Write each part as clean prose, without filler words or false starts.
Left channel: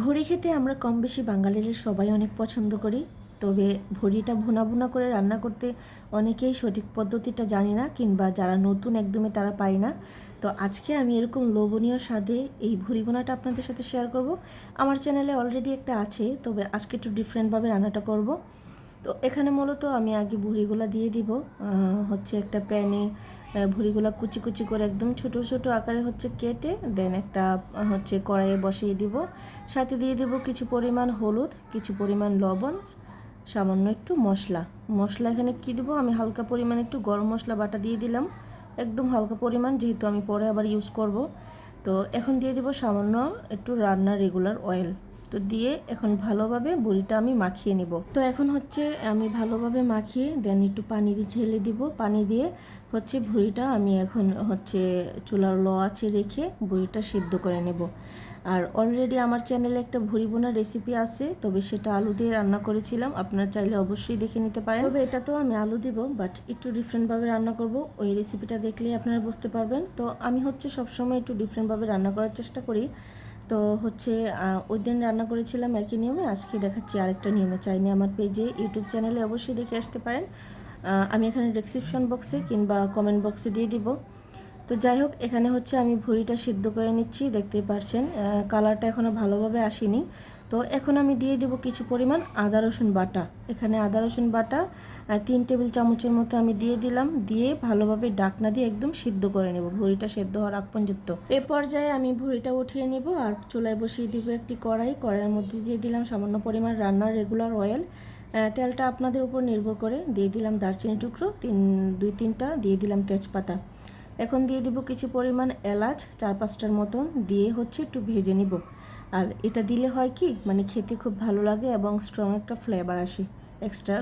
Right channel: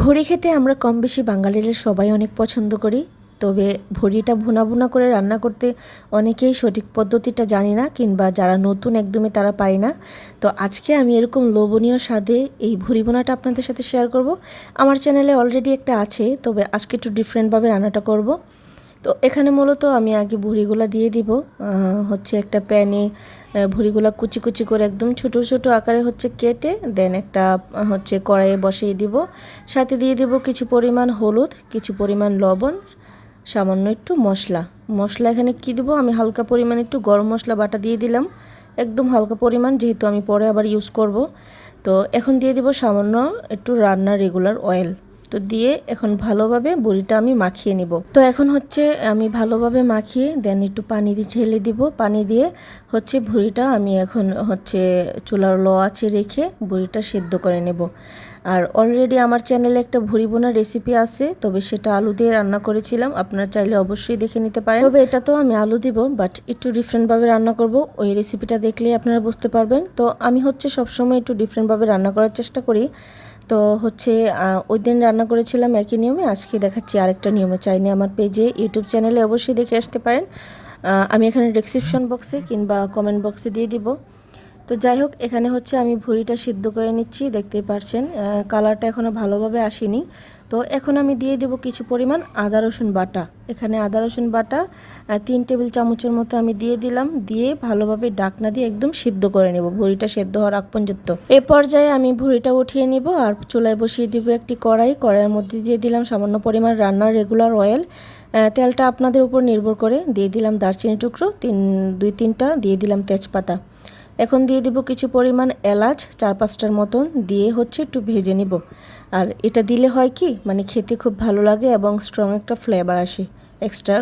ভুড়ি খেতে আমরা কম বেশি বাঙালিরা সবাই অনেক পছন্দ করি। তবে ভুড়িটা ভুনা ভুনা করে রান্না করতে অনেকেই সঠিক পদ্ধতিটা জানি না, কিংবা যারা নতুন একদমই তারা পারে না। তো আজকে আমি এরকম লোভনীয় স্বাদে এই ভুড়ি ভুনাটা আপনাদের সাথে শেয়ার করব। আমার চ্যানেলে অলরেডি একটা আছে, তবে আজকে একটু ডিফারেন্টভাবে রান্নাটা করব। তো এখানে মূলত আমি আগে ভুড়িগুলো দিয়ে দিব। হচ্ছে একটা প্যানে ভুড়িগুলো কুচি কুচি করে একদম ছোট ছোট আকারে হচ্ছে কেটে দেন একটা হচ্ছে কড়াইয়ে বসিয়ে দিব। সাথে দিয়ে দিব কিছু পরিমাণ হলুদ, কিছু পরিমাণ লবণ, সামান্য একটু মশলা। মশলা এখানে কি দিব, আমি হালকা পরিমাণ একটু গরম মশলা বাটা দিয়ে দিলাম, একদম হালকা পরিমাণ, যেহেতু আমি পরে আবার ইউজ করব। তো এখন দিয়ে দিব সামান্য একটু রান্নার রেগুলার অয়েল। তো দিয়ে এখন ভালোভাবে বড়িটা আমি মাখিয়ে নিব। তো এখন হচ্ছে আমি ভালোভাবে মাখিয়ে দেন একটু পানি দিয়ে ঢেলে দিব। পানি দিয়ে হচ্ছে ভুড়িটা আমি এখন হচ্ছে চুলার লো আঁচে রেখে ভুড়িটা সিদ্ধ করে নেব। আর অলরেডি আমার চ্যানেলে একটা ভুড়ি বোনার রেসিপি আছে, তবে সেটা আলু দিয়ে রান্না করেছিলাম, আপনারা চাইলে অবশ্যই দেখে নিতে পারেন। তবে এটা তো আমি আলু দিব, বাট একটু ডিফারেন্টভাবে রান্না করব, ওই রেসিপিটা দেখলেই আপনারা বুঝতে পারবেন। তো আমি হচ্ছে সবসময় একটু ডিফারেন্টভাবে রান্না করার চেষ্টা করি। তো হচ্ছে ওই দিন রান্না করেছিলাম একই নিয়মে, আজকে দেখাচ্ছি আরেকটা নিয়মে। চাইলে আমার পেজে ইউটিউব চ্যানেলে অবশ্যই দেখে আসতে পারেন। আমি এখানে ডেসক্রিপশন বক্সে কিংবা কমেন্ট বক্সে দিয়ে দিব। তো যাই হোক, এখানে হচ্ছে আমি ভুড়িটা সিদ্ধ করে নিচ্ছি, দেখতেই পারছেন কালারটা এখনও ভালোভাবে আসেনি। তো এখন আমি দিয়ে দেব কিছু পরিমাণ আদা রসুন বাটা। এখানে আদা রসুন বাটা 3 টেবিল চামচের মতো আমি দিয়ে দিলাম। দিয়ে ভালোভাবে ডাকনা দিয়ে একদম সিদ্ধ করে নেব, ভুড়িটা সেদ্ধ হওয়ার আগ পর্যন্ত। এ পর্যায়ে আমি ভুড়িটা উঠিয়ে নিব আর চুলায় বসিয়ে দিব একটি কড়াই। কড়াইয়ের মধ্যে দিয়ে দিলাম সামান্য পরিমাণ রান্নার রেগুলার অয়েল। তেলটা আপনাদের উপর নির্ভর করে। দিয়ে দিলাম দারচিনি টুকরো 2-3টা, দিয়ে দিলাম তেজপাতা। এখন দিয়ে দিব কিছু পরিমাণ এলাচ 4-5টার মতন, দিয়ে হচ্ছে একটু ভেজে নিব। আর এটা দিলে হয় কি, মানে খেতে খুব ভালো লাগে এবং স্ট্রং একটা ফ্লেভার আসে। এক্সট্রা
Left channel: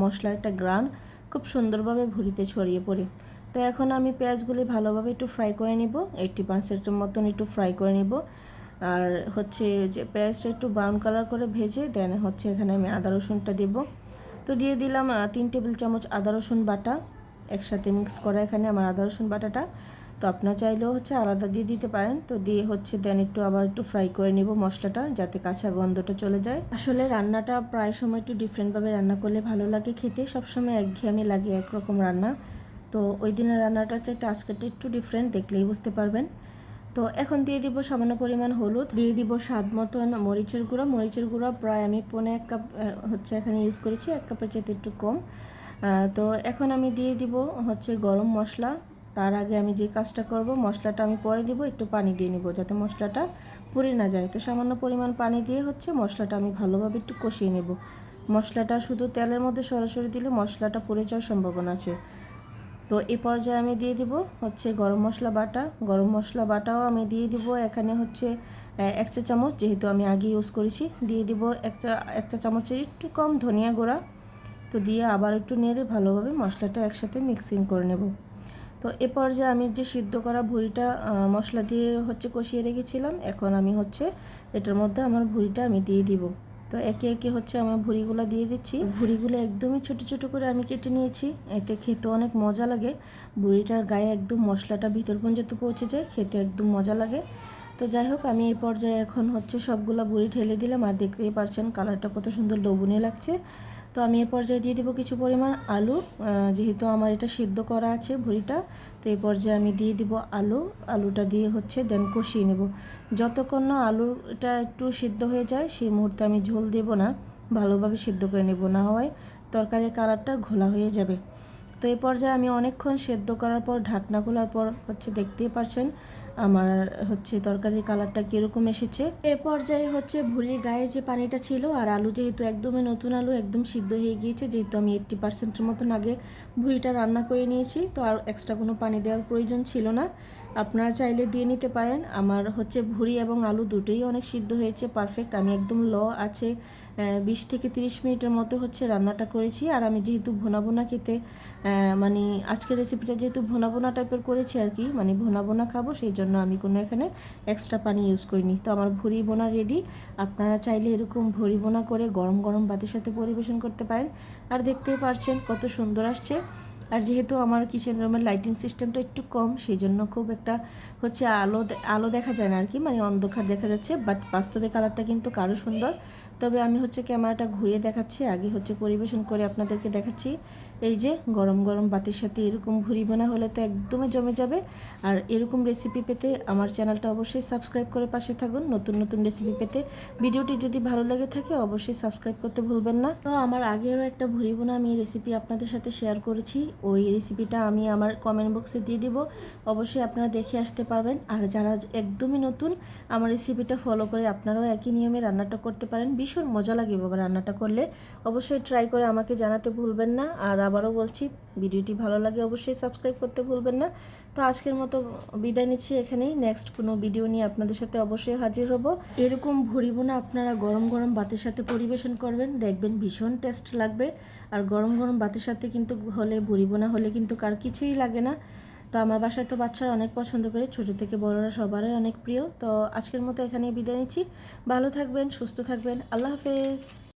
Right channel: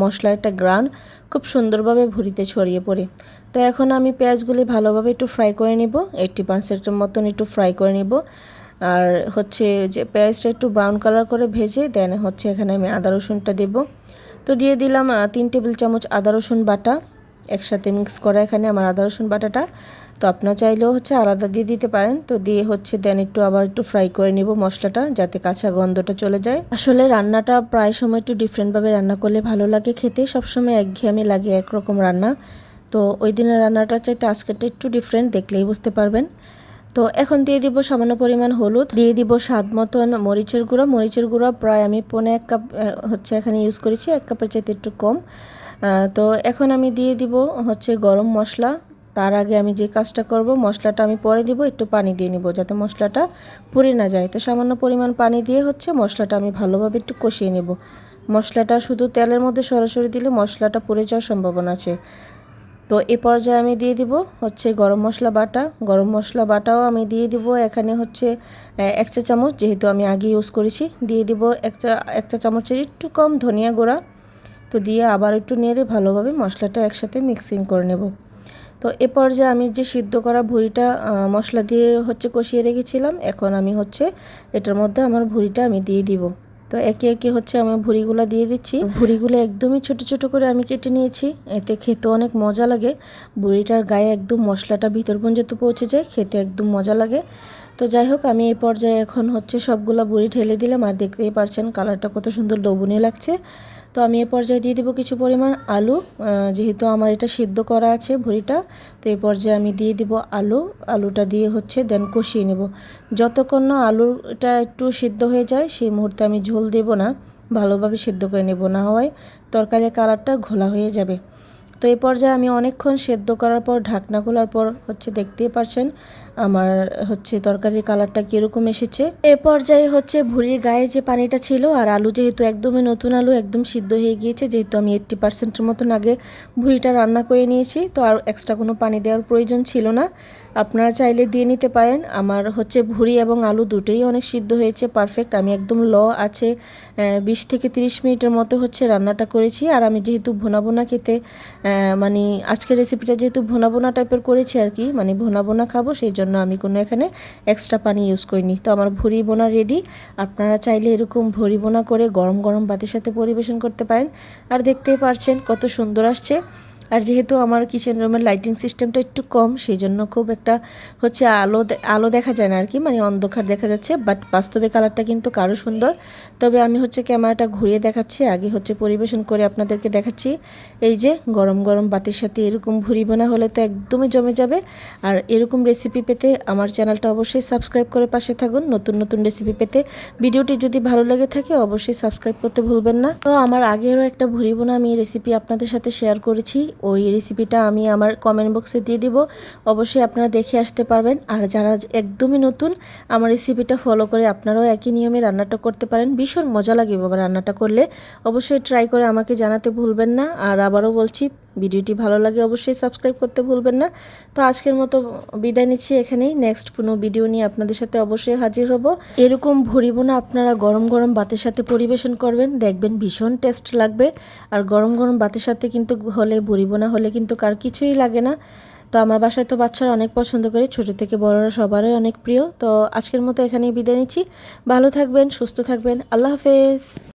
মশলার একটা গ্রান খুব সুন্দরভাবে ভুড়িতে ছড়িয়ে পড়ে। তো এখন আমি পেঁয়াজগুলি ভালোভাবে একটু ফ্রাই করে নিব, 80% মতন একটু ফ্রাই করে নিব। আর হচ্ছে যে পেঁয়াজটা একটু ব্রাউন কালার করে ভেজে দেন হচ্ছে এখানে আমি আদা রসুনটা দেব। তো দিয়ে দিলাম 3 টেবিল চামচ আদা রসুন বাটা, একসাথে মিক্স করা এখানে আমার আদা রসুন বাটাটা। তো আপনারা চাইলেও হচ্ছে আলাদা দিয়ে দিতে পারেন। তো দিয়ে হচ্ছে দেন একটু আবার একটু ফ্রাই করে নিব মশলাটা, যাতে কাঁচা গন্ধটা চলে যায়। আসলে রান্নাটা প্রায় সময় একটু ডিফারেন্টভাবে রান্না করলে ভালো লাগে খেতে, সবসময় একঘেয়েমি লাগে একরকম রান্না। তো ওই দিনের রান্নাটা চাইতে আজকেরটা একটু ডিফারেন্ট, দেখলেই বুঝতে পারবেন। তো এখন দিয়ে দিব সামান্য পরিমাণ হলুদ, দিয়ে দিব স্বাদ মতন মরিচের গুঁড়ো। মরিচের গুঁড়ো প্রায় আমি 1.5 কাপ হচ্ছে এখানে ইউজ করেছি, 1 কাপের চাইতে একটু কম। তো এখন আমি দিয়ে দিব হচ্ছে গরম মশলা। তার আগে আমি যে কাজটা করব, মশলাটা আমি পরে দিব, একটু পানি দিয়ে নিব যাতে মশলাটা পুড়ে না যায়। তো সামান্য পরিমাণ পানি দিয়ে হচ্ছে মশলাটা আমি ভালোভাবে একটু কষিয়ে নেব। মশলাটা শুধু তেলের মধ্যে সরাসরি দিলে মশলাটা পুড়ে যাওয়ার সম্ভাবনা আছে। তো এই পর্যায়ে আমি দিয়ে দিব হচ্ছে গরম মশলা বাটা। গরম মশলা বাটাও আমি দিয়ে দিব এখানে হচ্ছে 1 চা চামচ, যেহেতু আমি আগে ইউজ করেছি। দিয়ে দিব 1 চা চামচের একটু কম ধনিয়া গুঁড়া। তো দিয়ে আবার একটু নেড়ে ভালোভাবে মশলাটা একসাথে মিক্সিং করে নেব। তো এ পর্যায়ে আমি যে সিদ্ধ করা ভুড়িটা মশলা দিয়ে হচ্ছে কষিয়ে রেখেছিলাম, এখন আমি হচ্ছে এটার মধ্যে আমার ভুড়িটা আমি দিয়ে দিব। তো একে একে হচ্ছে আমি ভুড়িগুলো দিয়ে দিচ্ছি। ভুড়িগুলো একদমই ছোট ছোট করে আমি কেটে নিয়েছি, এতে খেতে অনেক মজা লাগে। ভুড়িটার গায়ে একদম মশলাটা ভিতর পর্যন্ত পৌঁছে যায়, খেতে একদম মজা লাগে। তো যাই হোক, আমি এই পর্যায়ে এখন হচ্ছে সবগুলা ভুড়ি ঢেলে দিলাম, আর দেখতেই পারছেন কালারটা কত সুন্দর লোভনীয় লাগছে। তো আমি এই পর্যায়ে দিয়ে দেবো কিছু পরিমাণ আলু। যেহেতু আমার এটা সিদ্ধ করা আছে ভুড়িটা, তো এই পর্যায়ে আমি দিয়ে দিব আলুটা দিয়ে হচ্ছে দেন কষিয়ে নেব। যতক্ষণ না আলুটা একটু সিদ্ধ হয়ে যায় সেই মুহূর্তে আমি ঝোল দেব না, ভালোভাবে সিদ্ধ করে নেব, না হয় তরকারির কালারটা ঘোলা হয়ে যাবে। তো এই পর্যায়ে আমি অনেকক্ষণ সেদ্ধ করার পর ঢাকনা খোলার পর হচ্ছে দেখতেই পারছেন আমার হচ্ছে তরকারির কালারটা কীরকম এসেছে। এ পর্যায়ে হচ্ছে ভুঁড়ির গায়ে যে পানিটা ছিল, আর আলু যেহেতু একদমই নতুন আলু, একদম সিদ্ধ হয়ে গিয়েছে, যেহেতু আমি 80%-এর মতন আগে ভুঁড়িটা রান্না করে নিয়েছি, তো আর এক্সট্রা কোনো পানি দেওয়ার প্রয়োজন ছিল না। আপনারা চাইলে দিয়ে নিতে পারেন। আমার হচ্ছে ভুঁড়ি এবং আলু দুটোই অনেক সিদ্ধ হয়েছে পারফেক্ট। আমি একদম আছে 20 থেকে 30 মিনিটের মতো হচ্ছে রান্নাটা করেছি। আর আমি যেহেতু ভুনা ভুনা খেতে মানে আজকের রেসিপিটা যেহেতু ভুনা ভুনা টাইপের করেছি আর কি, মানে ভুনা ভুনা খাবো, সেই জন্য আমি কোনো এখানে এক্সট্রা পানি ইউজ করিনি। তো আমার ভুঁড়ি বোনা রেডি। আপনারা চাইলে এরকম ভুঁড়ি বোনা করে গরম গরম ভাতের সাথে পরিবেশন করতে পারেন। আর দেখতেই পারছেন কত সুন্দর আসছে। আর যেহেতু আমার কিচেন রুমের লাইটিং সিস্টেমটা একটু কম, সেই জন্য খুব একটা হচ্ছে আলো দেখা যায় না আর কি, মানে অন্ধকার দেখা যাচ্ছে, বাট বাস্তবে কালারটা কিন্তু আরও সুন্দর। তবে আমি হচ্ছে ক্যামেরাটা ঘুরিয়ে দেখাচ্ছি, আগে হচ্ছে পরিবেশন করে আপনাদেরকে দেখাচ্ছি। এই যে গরম গরম বাতির সাথে এরকম ভুরি বোনা হলে তো একদমই জমে যাবে। আর এরকম রেসিপি পেতে আমার চ্যানেলটা অবশ্যই সাবস্ক্রাইব করে পাশে থাকুন, নতুন নতুন রেসিপি পেতে। ভিডিওটি যদি ভালো লেগে থাকে অবশ্যই সাবস্ক্রাইব করতে ভুলবেন না। তো আমার আগেরও একটা ভুরি বোনা আমি রেসিপি আপনাদের সাথে শেয়ার করেছি, ওই রেসিপিটা আমি আমার কমেন্ট বক্সে দিয়ে দিব, অবশ্যই আপনারা দেখে আসতে পারবেন। আর যারা একদমই নতুন, আমার রেসিপিটা ফলো করে আপনারাও একই নিয়মে রান্নাটা করতে পারেন, ভীষণ মজা লাগে বাবা রান্নাটা করলে। অবশ্যই ট্রাই করে আমাকে জানাতে ভুলবেন না। আর আবারও বলছি, ভিডিওটি ভালো লাগে অবশ্যই সাবস্ক্রাইব করতে ভুলবেন না। তো আজকের মতো বিদায় নিচ্ছি এখানেই, নেক্সট কোনো ভিডিও নিয়ে আপনাদের সাথে অবশ্যই হাজির হব। এরকম ভুরি বোনা আপনারা গরম গরম ভাতের সাথে পরিবেশন করবেন, দেখবেন ভীষণ টেস্ট লাগবে। আর গরম গরম ভাতের সাথে কিন্তু হলে, ভুরি বোনা হলে কিন্তু কার কিছুই লাগে না। তো আমার বাসায় তো বাচ্চারা অনেক পছন্দ করে, ছোটো থেকে বড়রা সবারই অনেক প্রিয়। তো আজকের মতো এখানেই বিদায় নিচ্ছি, ভালো থাকবেন, সুস্থ থাকবেন, আল্লাহ হাফেজ।